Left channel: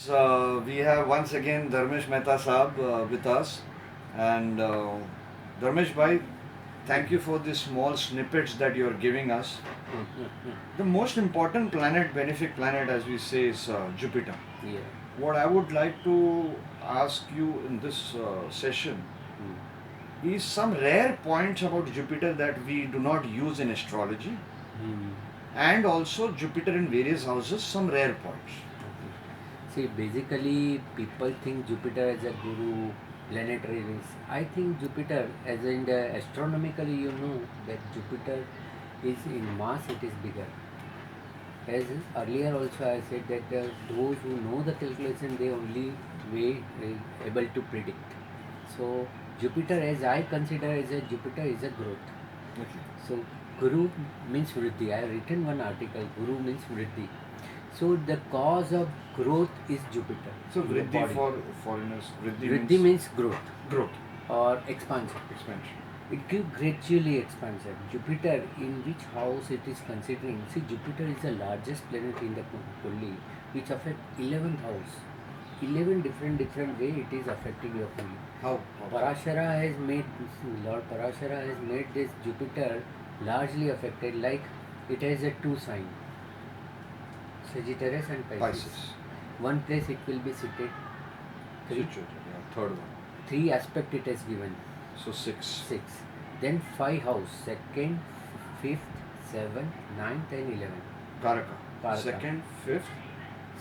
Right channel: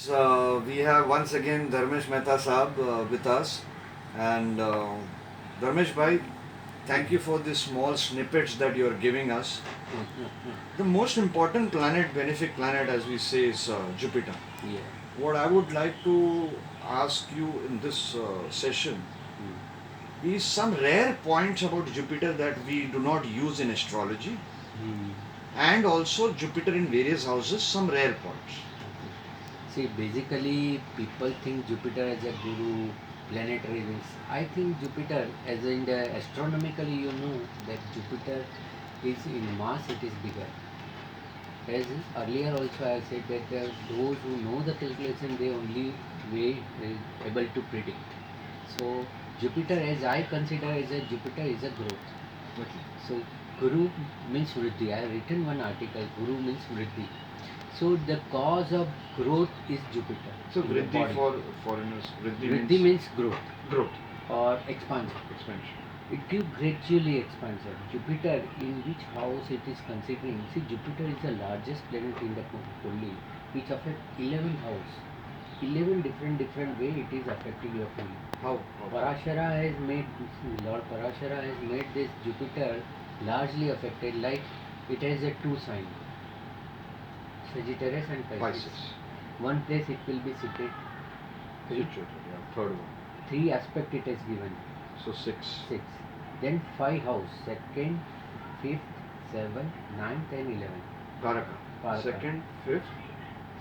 So we have once again Dharmesh Mehta Saab with us, and Dharmesh Bhai, thank you for the small snippets that you are giving us. The most important planet, benefic planet, as we say, is Jupiter. Yeah. What I would like to ask you in this session is some rare points about Jupiter that we do not use in astrology, and also Jupiter in various houses, some rare points. See, basically, people think Jupiter as a guru, planetary rings. I think Jupiter, as in the astronomically, you know that Jupiter is in mass, it is bigger. As earlier also I said that those who know the calculation, they only way able to predict. So Jupiter, as I consider as a Jupiter is a growth. Okay. So Guru means Vriddhi. I have written one article. Guru means Vriddhi. So the cause of growth is Jupiter. So in the Vriddhi body. for foreigners, Vriddhi means growth growth, or expansion. expansion. It gives gradually expansion. Jupiter, in which house it is considering? See, Jupiter is the largest planet in the Kulli, which affects 11th house. 11 different way it is affecting your Kulli. How? Parashara has made, Lord Parashara has made this Jupiter largely affected, like it has a two sign, Sagittarius and Pisces. Pisces. One place it will be seated. Three, Third one. three aspect it has given. So six. 6. Then 5 house, second, fifth, seventh, ninth and 11th. Karaka. Karaka. Second, fifth,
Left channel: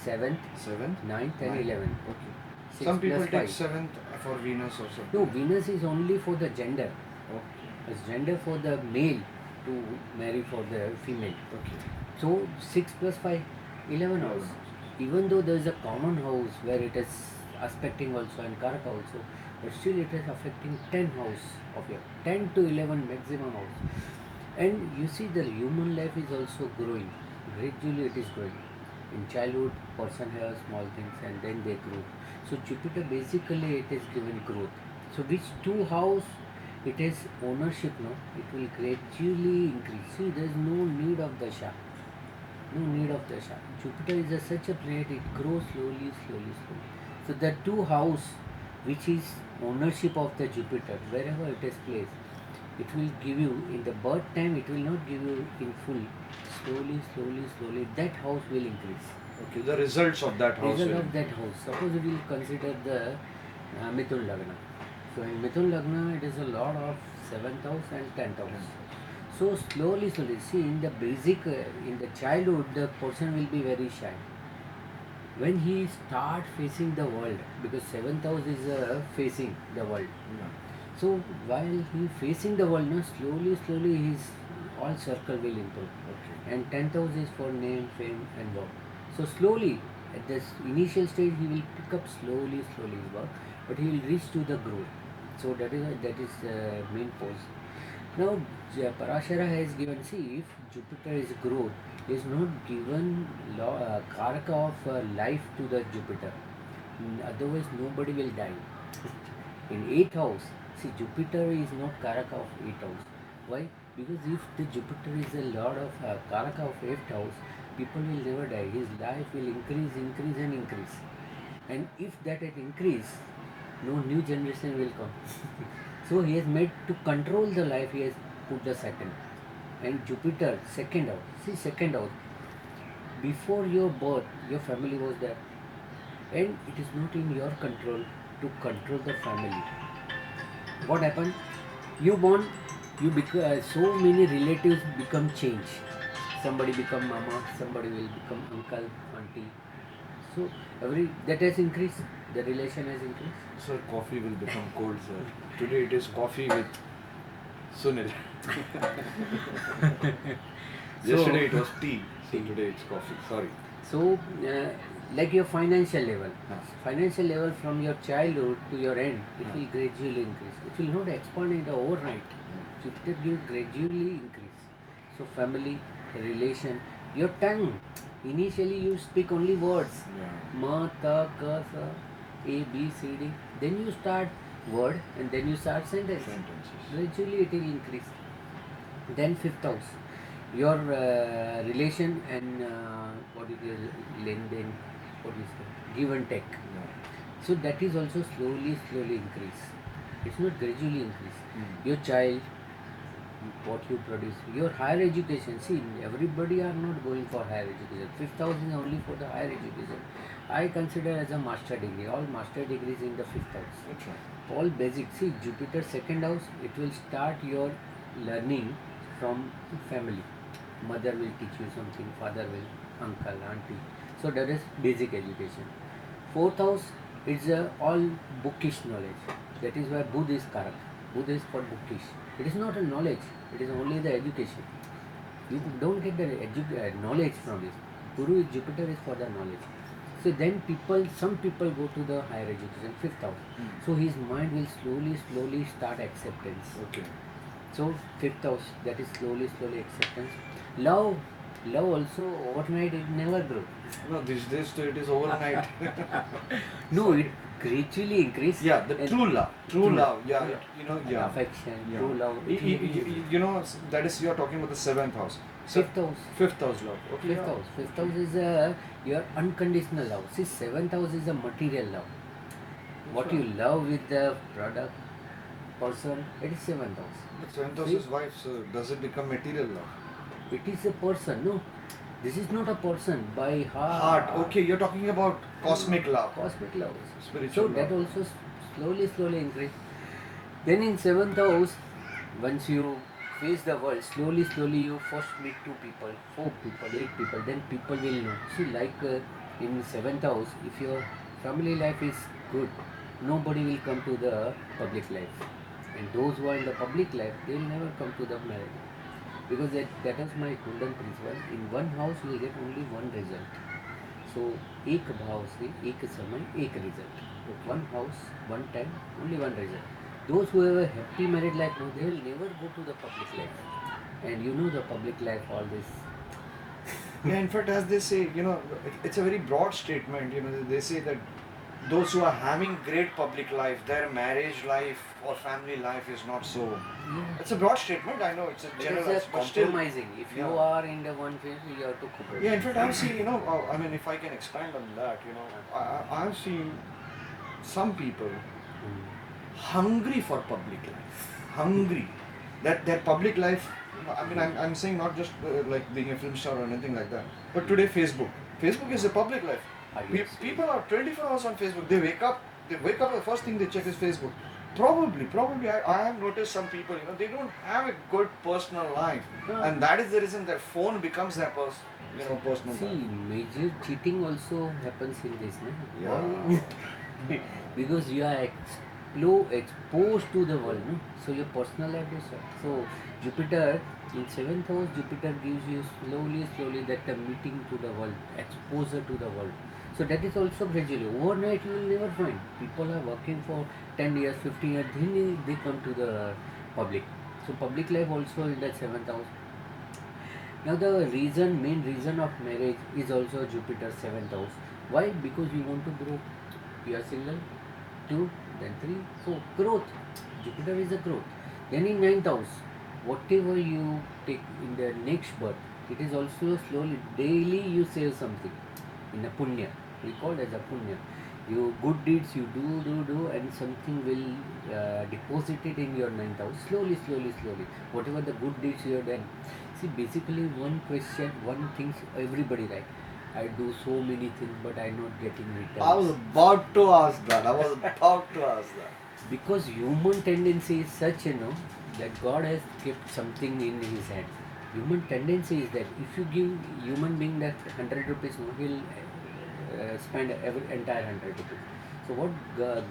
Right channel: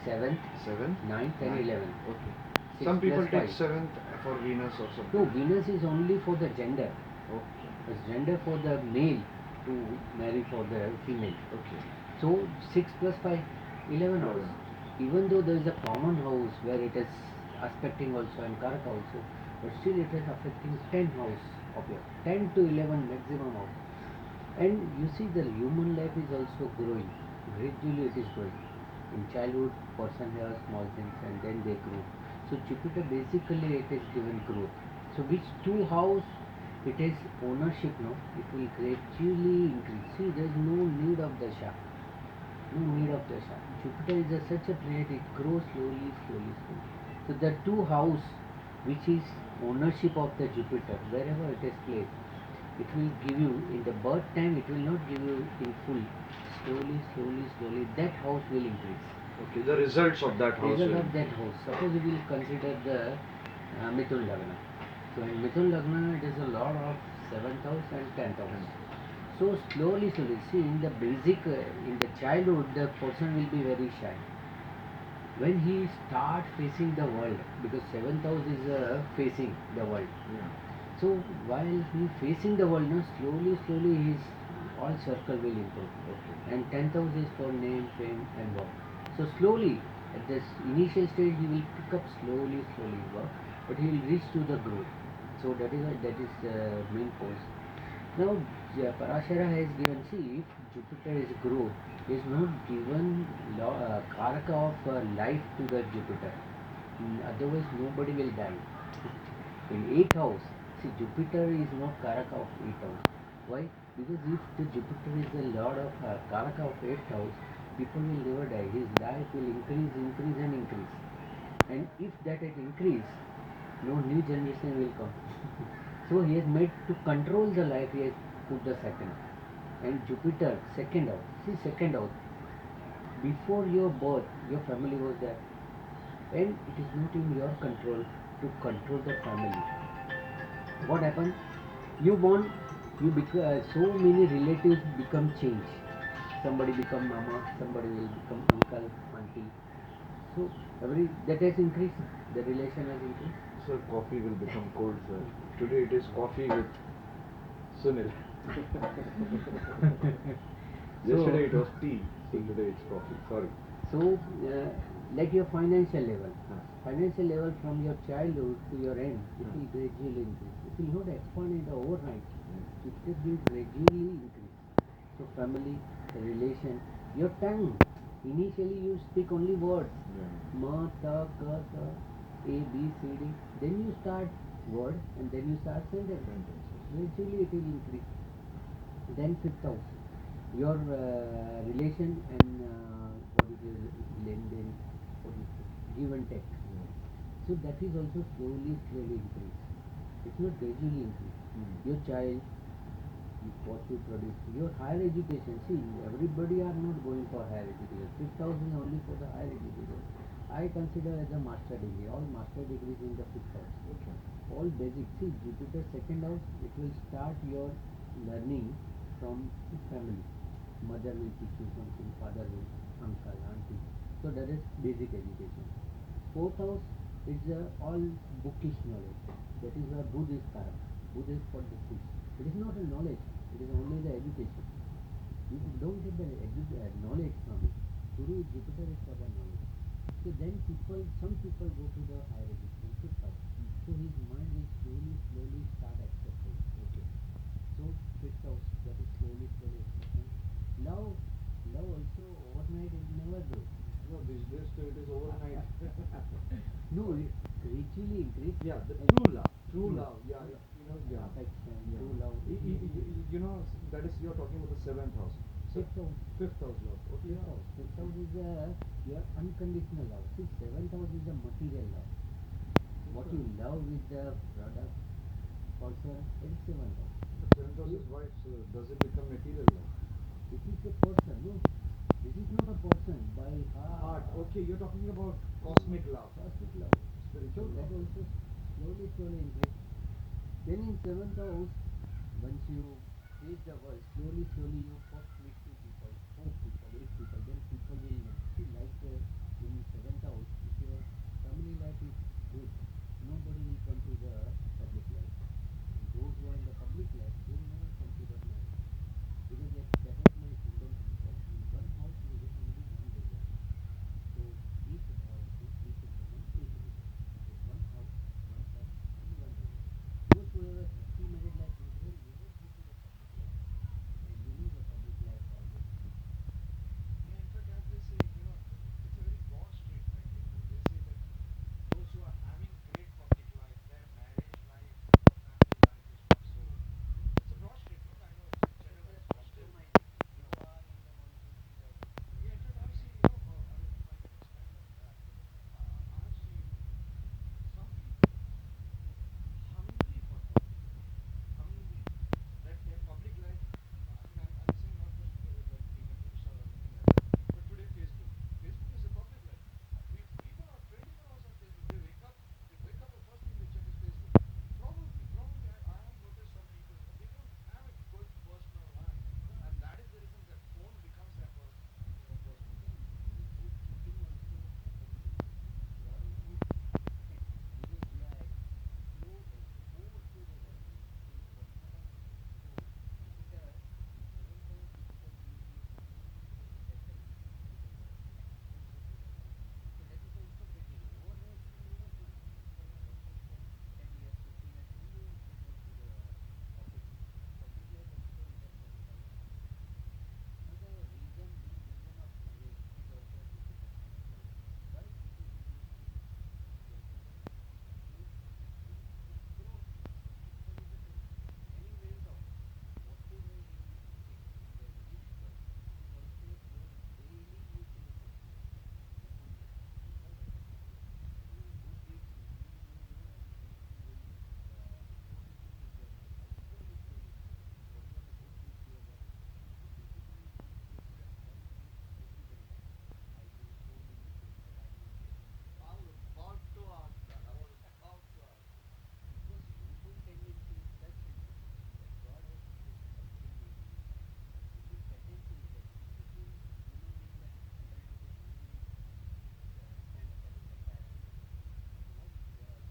7th, seventh, 9th and ninth. 11th. Okay. 6 Some people plus take 5. seventh for Venus or something. No, Venus is only for the gender. Okay. It's gender for the male to marry for the female. Okay. So 6 plus 5, 11 house. Even though there is a common house where it is aspecting also and Karaka also, but still it is affecting 10 house of your 10 to 11 maximum house. And you see the human life is also growing. Gradually it is growing. In childhood, person has small things and then they grow. So Jupiter basically it is given growth. So which two house it is ownership, no? It will gradually increase. See, there is no need of the Shah. No need of the Shah. Jupiter is such a planet, it grows slowly. So the two house which is ownership of the Jupiter, wherever it is placed, it will give you in the birth time, it will not give you in full. Slowly, that house will increase. Okay. The results of that house. Result of that house. Suppose we will consider the Mithun Lagna. So in Mithun Lagna, it is a lot of 7th house and 10th house. So slowly, see in the basic, in the childhood, the person will be very shy. When he start facing the world, because 7th house is facing the world. Yeah. So while he facing the world, now slowly his all circle will improve. Okay. And 10th house is for name, fame and work. So slowly, at this initial stage, he will pick up slowly his work, but he will reach to the growth. So that is main pose. Now Parashara has given, see, if Jupiter is growth, is not given karaka of life to the Jupiter. Otherwise, nobody will die. In 8th house, see, Jupiter is not karaka of 8th house. Why? Because if the Jupiter is a lord of karaka of 8th house, people will never die. His life will increase. And if that had increased, no new generation will come. So he has made to control the life, he has put the Saturn. And Jupiter, second house. See, second house. Before your birth, your family was there. And it is not in your control to control the family. What happened? You born, so many relatives become change. Somebody become mama, somebody will become uncle, auntie. So that has increased. The relation has increased. Sir, coffee will become cold, sir. Today it is coffee with Sunil. Yesterday it was tea. So today it's coffee. Sorry. So, like your financial level from your childhood to your end, it will gradually increase. It will not expand in the overnight. It will gradually increase. So, family, relation, your tongue. Initially, you speak only words. Ma, ta, ka, sa, A, B, C, D. Then you start word and then you start sentence. Gradually, it will increase. Then 5th house, your relation and what is your lenden, what is it? give and take. So that is also slowly increase. It's not gradually increase. Your child, what you produce, your higher education. See, everybody are not going for higher education. Fifth house is only for the higher education. I consider as a master degree. All master degrees in the fifth house. That's right. All basic. See, Jupiter second house, it will start your learning from family. Mother will teach you something, father will, uncle, auntie. So that is basic education. Fourth house is all bookish knowledge. That is why Budh is Karak. Budh is for bookish. It is not a knowledge. It is only the education. You don't get the knowledge from it. Guru is Jupiter is for the knowledge. So then some people go to the higher education, fifth house. So his mind will slowly start acceptance. Okay. So fifth house, that is slowly acceptance. Love also overnight it never grows. No, these days it is overnight. No, it gradually increases. Yeah, the true love. True love. Yeah, yeah. Affection, Yeah. true love. That is, you are talking about the seventh house. Fifth house. Fifth house love. Okay. Fifth house. Fifth house is your unconditional love. See, seventh house is a material love. What you love with the product, person, it is seventh house. But seventh house is wife, so does it become material love? It is a person, no. This is not a person by heart. Heart. Okay, you're talking about cosmic love. Cosmic love. Spiritual So love. that also slowly increase. Then in seventh house, once you face the world, slowly you first meet 2 people, 4 people, 8 people, then people will know. See, like in seventh house, if your family life is good, nobody will come to the public life. And those who are in the public life, they will never come to the marriage. Because that is my golden principle. In one house, you will get only one result. So, एक भाव से एक समय एक result. One house, one time, only one result. Those who have a happy married life, no, they will never go to the public life. And you know the public life, all this. Yeah, in fact, as they say, it's a very broad statement. They say that those who are having great public life, their marriage life or family life is not so. Yeah. It's a broad statement. I know it's a It general, is a but still. compromising. If you Yeah. are in the one phase, you have to compromise. Yeah, in fact, I've seen, I mean, if I can expand on that, I've seen some people hungry for public life. Hungry. That their public life, I mean, I'm saying not just like being a film star or anything like that, but today Facebook. Facebook is a public life. People are 24 hours on Facebook. They wake up, the first thing they check is Facebook. Probably, I have noticed some people, they don't have a good personal life. Yeah. And that is the reason their phone becomes their personal See, life. major cheating also happens in this, no? Yeah. Because you are exposed to the world, no? So your personal life is so Jupiter in 7th house, Jupiter gives you slowly that the meeting to the world, exposure to the world. So that is also gradually. Overnight you will never find. People are working for 10 years, 15 years, then they come to the public. So public life also in that 7th house. Now the main reason of marriage is also Jupiter 7th house. Why? Because you want to grow. You are single, 2, then 3, 4. Growth. Jupiter is a growth. Then in 9th house, whatever you take in the next birth, it is also slowly, daily you save something in a punya. We call it as a punya. You good deeds you do, and something will deposit it in your 9th house. Slowly. Whatever the good deeds you have done. See, basically one thing everybody like. I do so many things, but I'm not getting returns. I was about to ask that. Because human tendency is such, that God has kept something in his hand. Human tendency is that if you give human being that 100 rupees, he'll spend entire 100 rupees. So what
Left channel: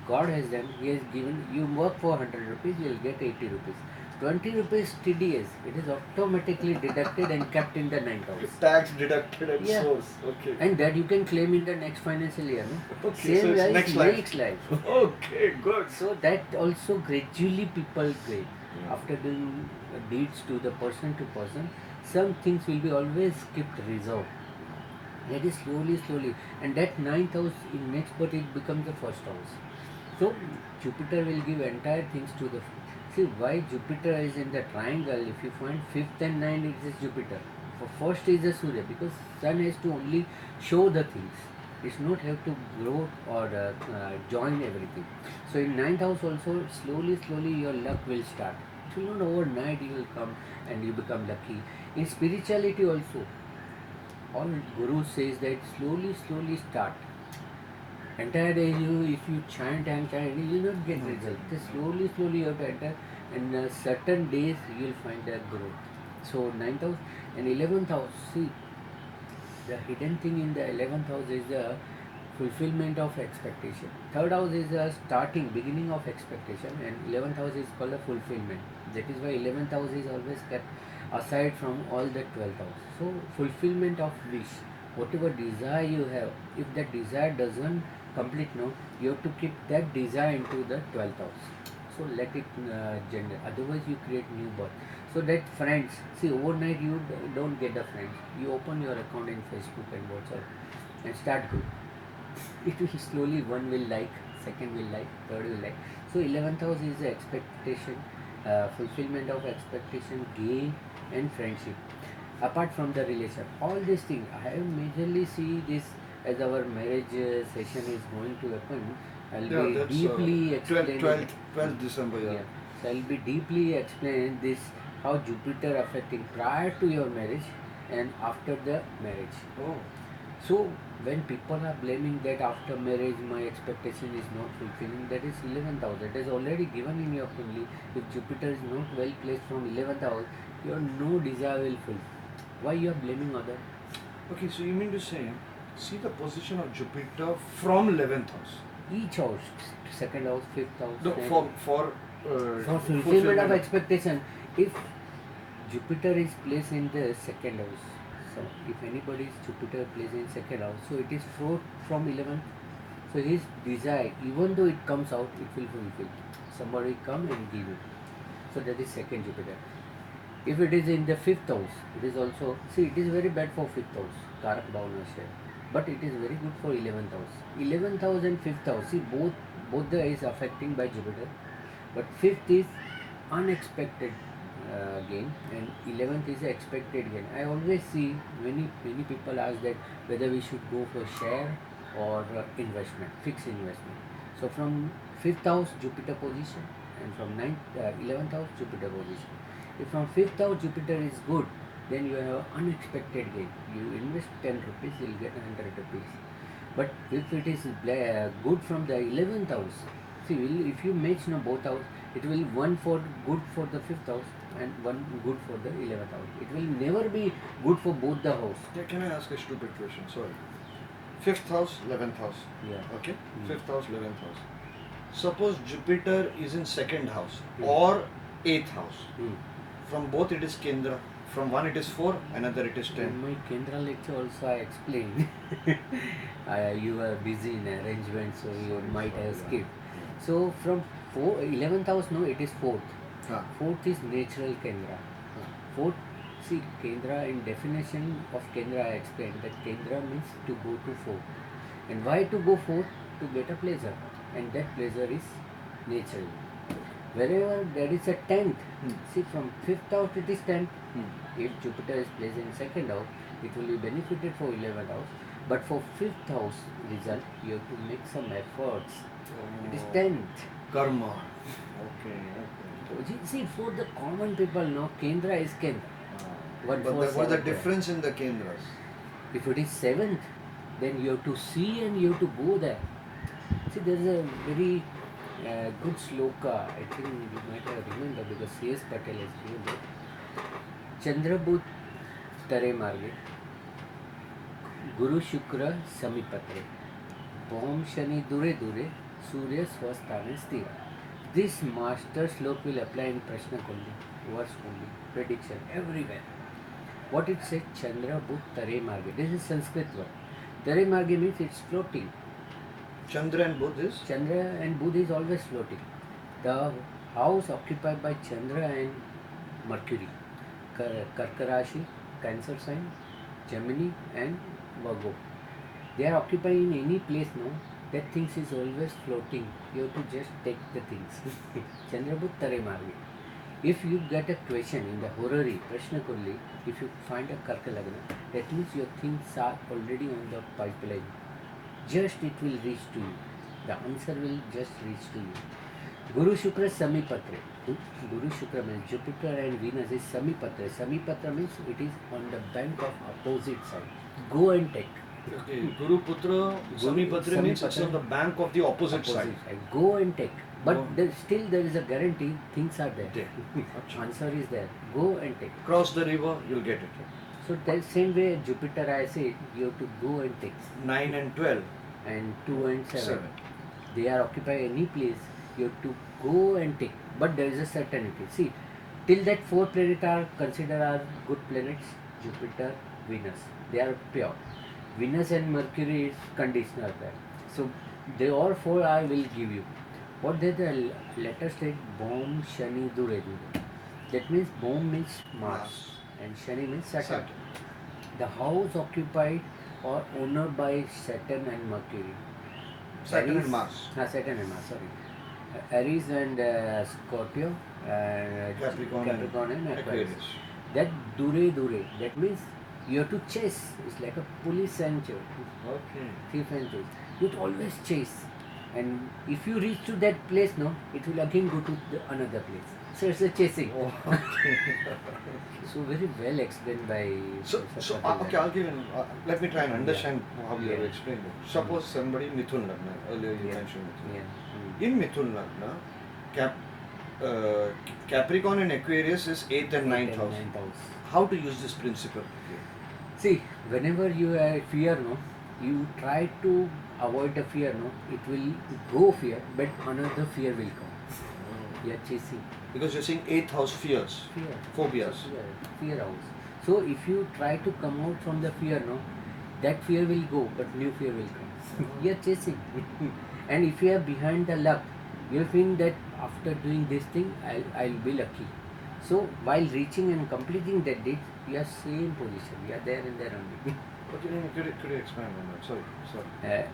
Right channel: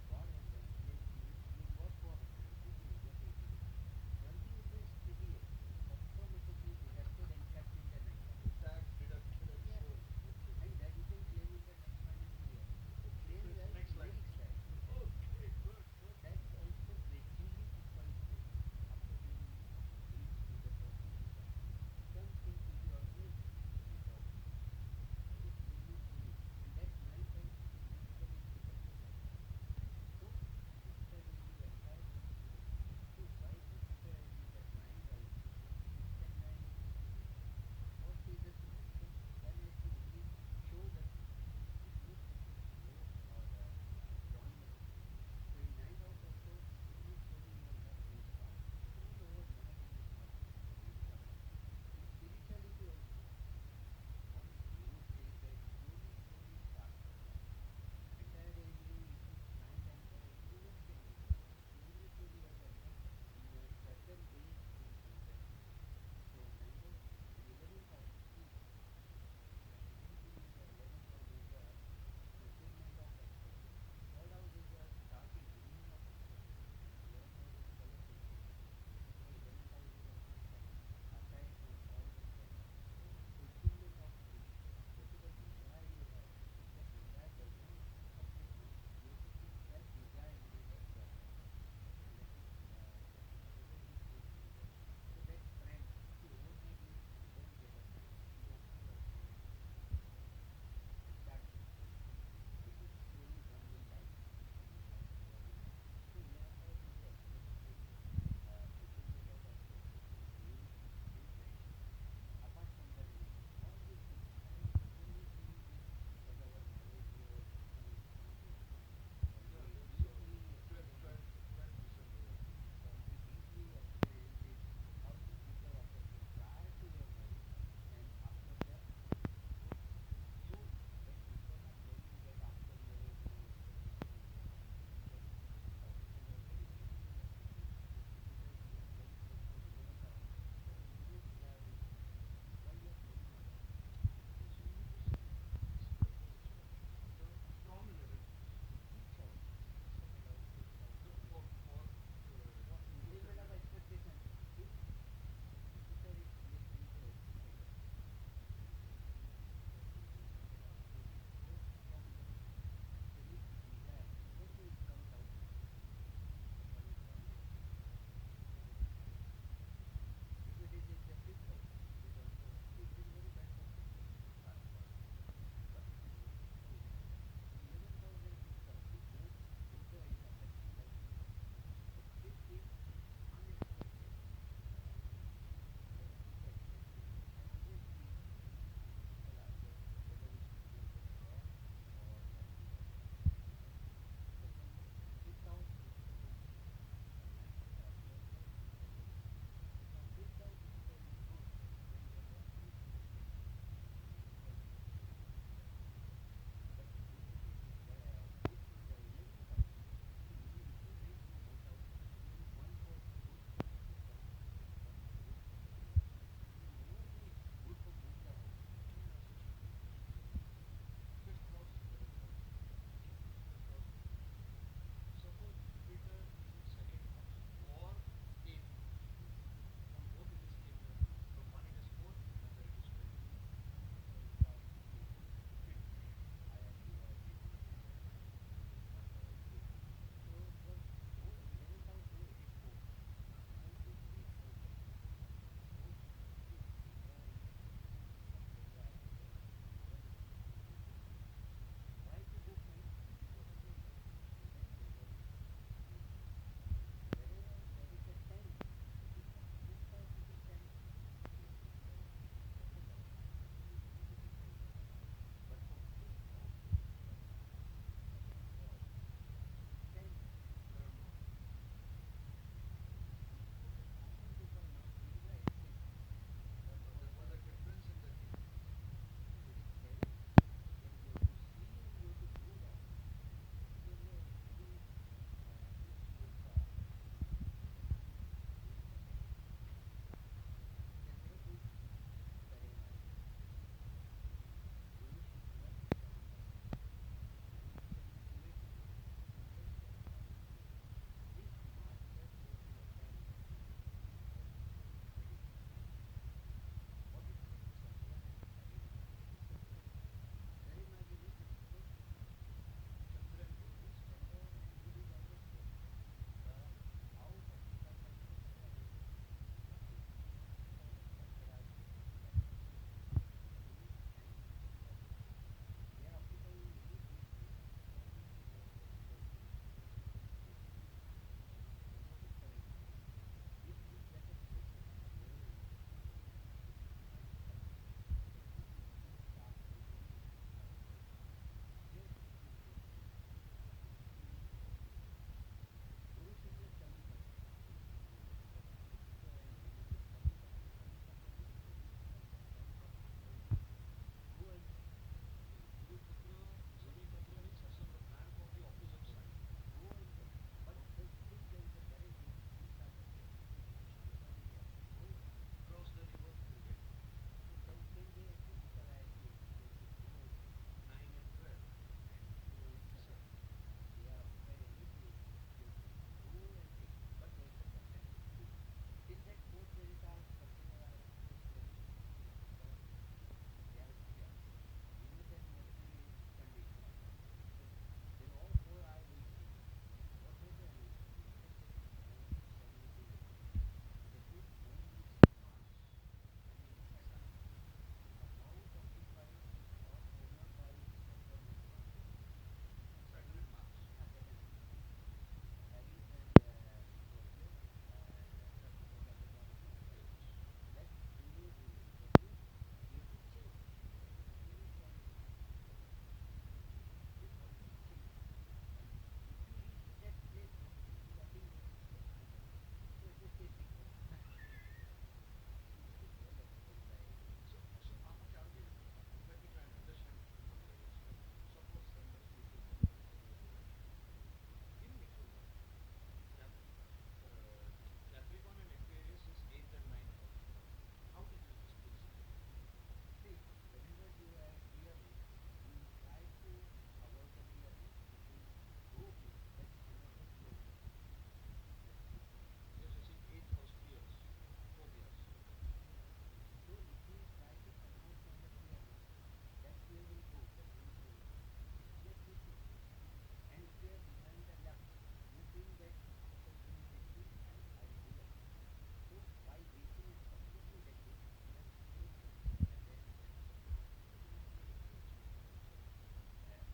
God has done, he has given, you work for 100 rupees, you'll get 80 rupees. 20 rupees TDS, it is automatically deducted and kept in the 9th house. Tax deducted and Yeah. source. Okay. And that you can claim in the next financial year. No? Okay, so Same it's as next life. Okay, good. So that also gradually people create. After doing deeds to the person to person, some things will be always kept reserved. That is slowly. And that 9th house in next birth it becomes the first house. So Jupiter will give entire things to the. See why Jupiter is in the triangle. If you find 5th and 9th, it is Jupiter. For first is the Surya, because Sun has to only show the things. It's not have to grow or join everything. So in ninth house also, slowly your luck will start. It will not overnight you will come and you become lucky. In spirituality also, all guru says that slowly start. Entire day if you chant and chant, you will not get result. Just slowly you have to enter, and certain days you will find a growth. So ninth house and 11th house. See, the hidden thing in the 11th house is the fulfillment of expectation. Third house is the beginning of expectation, and 11th house is called the fulfillment. That is why 11th house is always kept aside from all the 12th house. So fulfillment of wish, whatever desire you have, if that desire doesn't complete now, you have to keep that desire into the 12th house. So let it generate. Otherwise, you create new birth. So that friends, see, overnight you don't get the friends. You open your account in Facebook and WhatsApp and start good. It will slowly, one will like, second will like, third will like. So 11th house is the expectation, fulfillment of expectation, gain and friendship. Apart from the relation, all these things, I have majorly see this as our marriage session is going to happen. I'll be deeply explaining. 12th December, yeah. So I'll be deeply explain this, how Jupiter affecting prior to your marriage and after the marriage. Oh. So when people are blaming that after marriage my expectation is not fulfilling, that is 11th house. That is already given in your family. If Jupiter is not well placed from 11th house, your no desire will fulfill. Why you are blaming other? Okay, so you mean to say, see the position of Jupiter from 11th house. Each house, second house, fifth house. No, for fulfillment of expectation. If Jupiter is placed in the second house, so if anybody's Jupiter placed in second house, so it is from 11th. So his desire, even though it comes out, it will fulfill. Somebody come and give it. So that is second Jupiter. If it is in the fifth house, it is also, see, it is very bad for fifth house, Karak Bhavana, but it is very good for 11th house. 11th house and fifth house, see, both the is affecting by Jupiter, but fifth is unexpected gain and 11th is expected gain. I always see many people ask that whether we should go for share or investment, fixed investment. So from fifth house Jupiter position, and from 11th house Jupiter position. If from fifth house Jupiter is good, then you have unexpected gain. You invest 10 rupees, you will get 100 rupees. But if it is good from the 11th house, see, if you match both house, it will one for good for the fifth house and one good for the 11th house. It will never be good for both the house. Yeah, can I ask a stupid question? Sorry. Fifth house, 11th house. Yeah. Okay. Fifth house, 11th house. Suppose Jupiter is in second house or 8th house. From both it is Kendra. From one it is 4, another it is 10. In my Kendra lecture also I explained. You were busy in arrangement, so you might have skipped. So from 11th house, no, it is 4th. 4th is natural Kendra. 4th, see, Kendra, in definition of Kendra I explained that Kendra means to go to 4th. And why to go 4th? To get a pleasure. And that pleasure is natural. Wherever there is a 10th, see, from 5th house it is 10th. If Jupiter is placed in second house, it will be benefited for 11th house. But for 5th house result, you have to make some efforts. It is 10th. Karma. Okay. See, for the common people, no, Kendra is Kendra. But what's the difference in the Kendras? If it is 7th, then you have to see and you have to go there. See, there is a very good sloka, I think you might have remembered because C.S. Patel has given that. Chandra Budh Tare Marge, Guru Shukra Samipatre, Om Shani Dure Dure, Surya Swasthane Sthira. This master slok will apply in Prashna Kundi, verse Kundi, prediction, everywhere. What it says, Chandra Budh Tare Marge. This is Sanskrit word. Tare Marge means it's floating. Chandra and Budh is? Chandra and Budh is always floating. The house occupied by Chandra and Mercury, Karka Rashi, Cancer sign, Gemini and Virgo. They are occupying in any place now. That things is always floating. You have to just take the things. Chandra Budh Tare Marge. If you get a question in the horary, Prashna Kulli, if you find a Karka Lagna, that means your things are already on the pipeline. just it will reach to you. The answer will just reach to you. Guru Shukra Samipatra. Guru Shukra means Jupiter and Venus is Samipatra. Samipatra means it is on the bank of opposite side. Go and take. Okay. Guru Putra Samipatra means it's on the bank of the opposite side. Go and take. But still there is a guarantee, things are there. Answer is there. Go and take. Cross the river, you'll get it. So that same way Jupiter I said, you have to go and take. 9 and 12. And 2 and 7. They are occupy any place, you have to go and take. But there is a certainty. See, till that 4 planets are considered are good planets, Jupiter, Venus. They are pure. Venus and Mercury is conditional. So they all 4 I will give you. What they the letter state Bom, Shani, Dure, Dure. That means Bom means Mars and Shani means Saturn. The house occupied or owned by Saturn and Mercury. Saturn Aries, and Mars. Saturn and Mars, sorry. Aries and Scorpio, Capricorn and Aquarius. Aquarius. That Dure, that means you have to chase. It's like a police and Okay. thief and chase. You have to always chase. And if you reach to that place, no, it will again go to another place. So it's a chasing. Oh, okay. So very well explained by. So okay, I'll give an, let me try and understand how you have explained it. Suppose somebody Mithun Lagna, earlier you mentioned Mithun. Yeah. In Mithun Lagna, Capricorn and Aquarius is 8th and 9th house. How to use this principle? See, whenever you have fear, no, you try to avoid the fear, no, it will go fear, but another fear will come. You are chasing. Because you're saying 8th house fears, Fear. phobias. Fear house. So if you try to come out from the fear, no, that fear will go, but new fear will come. You are chasing. And if you are behind the luck, you will think that after doing this thing, I'll be lucky. So while reaching and completing that deed, you are same position. You are there and there only. Could you expand on that? Sorry.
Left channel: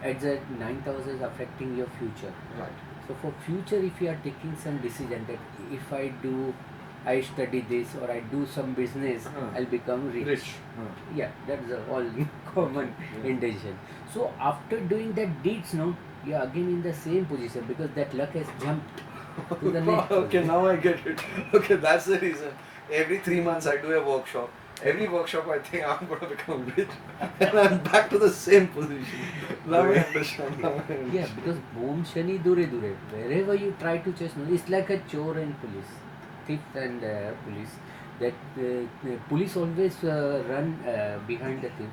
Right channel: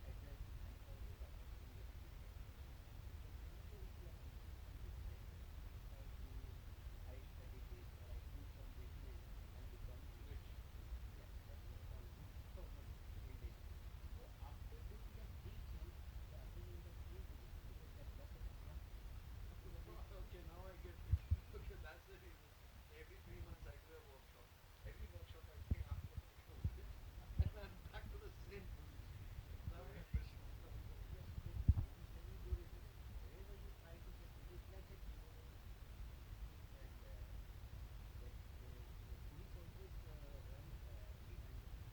At the 9th house is affecting your future. Right. So for future, if you are taking some decision that if I study this or I do some business, I'll become rich. Yeah, that's a all common intention. So after doing that deeds, no, you are again in the same position because that luck has jumped to the next. Okay, now I get it. Okay, that's the reason. Every 3 months I do a workshop. Every workshop I think I'm going to become rich and I'm back to the same position. Now I understand. Yeah, because Om Shani Dure Dure, wherever you try to chase, no, it's like a chore and police, thief and police. That police always run behind the thief.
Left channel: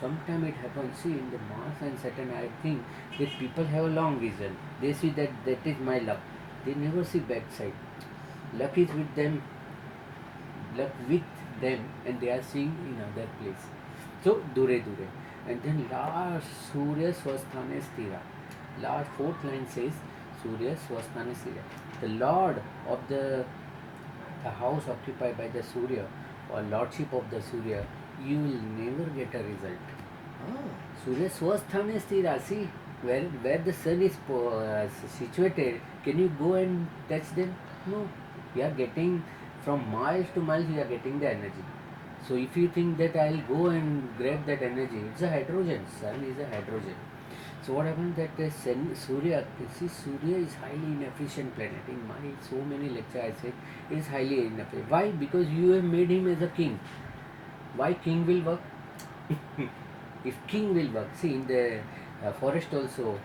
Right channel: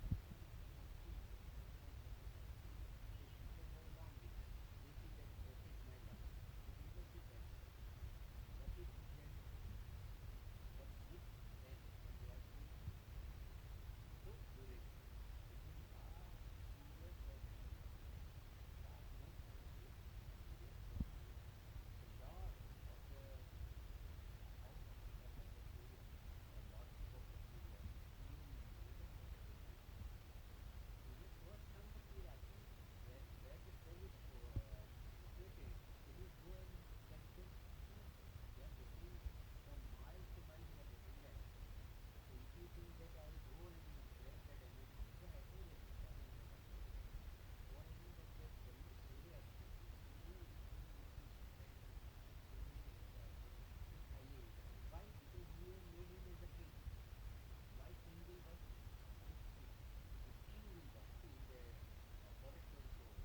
Sometimes it happens, see in the Mars and Saturn, I think that people have a long vision. They see that is my luck. They never see backside. Luck is with them. Luck with them, and they are seeing in other place. So Dure Dure. And then last Surya Swasthane Stira. Last 4th line says Surya Swasthane Stira. The Lord of the house occupied by the Surya or Lordship of the Surya, you will never get a result. Surya Swasthane Stira. See where the sun is situated, can you go and touch them? No. You are getting from miles to miles, you are getting the energy. So if you think that I'll go and grab that energy, it's a hydrogen. Sun is a hydrogen. So what happens that Surya, see Surya is highly inefficient planet. In my so many lectures I said it is highly inefficient. Why? Because you have made him as a king. Why king will work? If king will work, see in the forest also,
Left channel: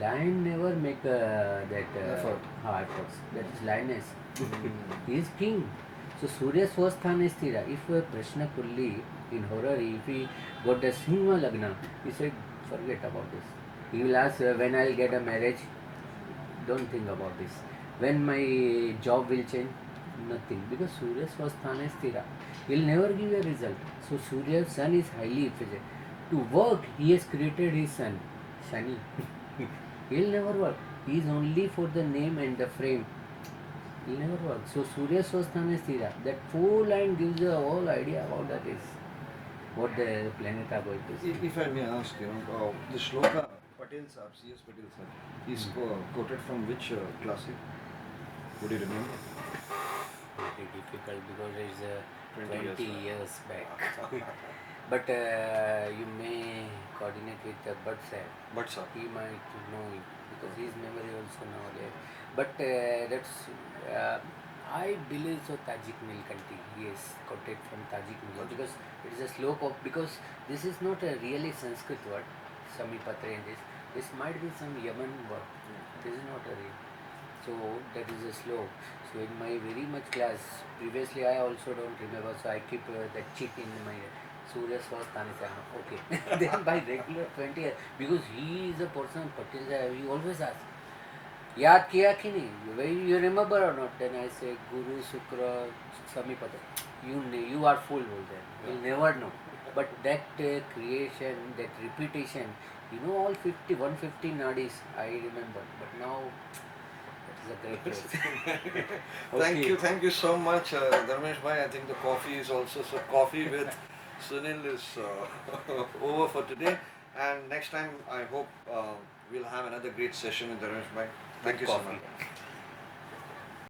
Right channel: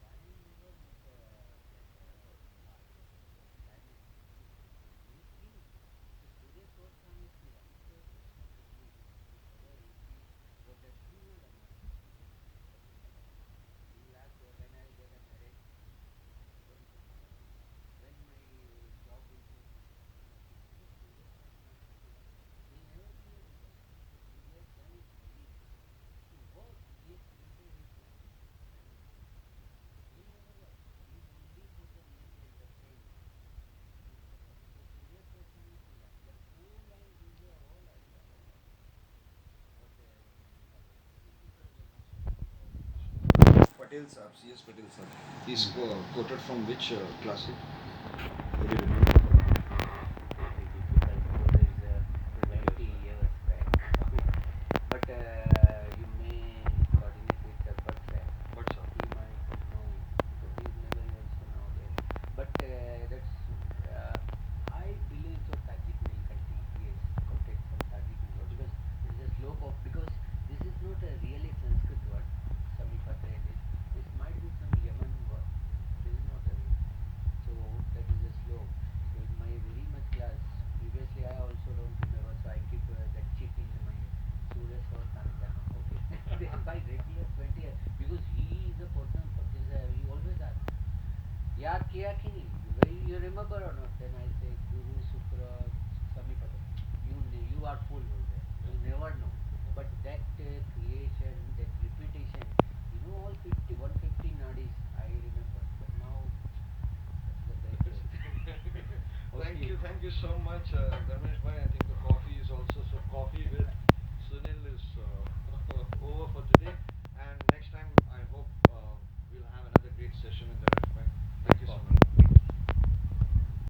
lion never make efforts. That is lioness. He is king. So Surya Swasthana Stira. If Prashna Kulli in horror, if he got the Sinha Lagna, he said, forget about this. He will ask when I'll get a marriage, don't think about this. When my job will change, nothing. Because Surya Swasthana Stira. He will never give a result. So Surya's sun is highly efficient. To work, he has created his sun, Shani. He will never work. He is only for the name and the frame. He will never work. So Surya Swasthana Stira. That 4 line gives you a whole idea about that is what the planet are going to see. If I may ask, the shloka Patel Sahab, C.S. Patel Sahab, he's quoted from which classic? Would you remember? Very difficult because it is 20 years back. But you may coordinate with Budh sir. But sir. He might know it because his memory also now there. But that's I believe so. Tajik Nilkanti. Yes, got it from Tajik Nilkanti because it is a slope of, because this is not a really Sanskrit word. Samipatre and this. This might be some Yaman word. This is not a real. So that is a slope. So in my very much class, previously I also don't remember. So I keep that chip in my Surya Swastani. Okay. Then by regular 20 years, because he is a person, Patil, he always asks, याद किया कि नहीं, you remember or not? Then I say Guru Shukra Samipata. You are full बोलते हैं. You'll never know. But that creation, that repetition, all 150 nadis I remember. But now that is a great place. Thank you so much, Dharmesh Bhai. I think the coffee is also, so coffee with Sunil is over for today. And next time, I hope we'll have another great session with Dharmesh Bhai.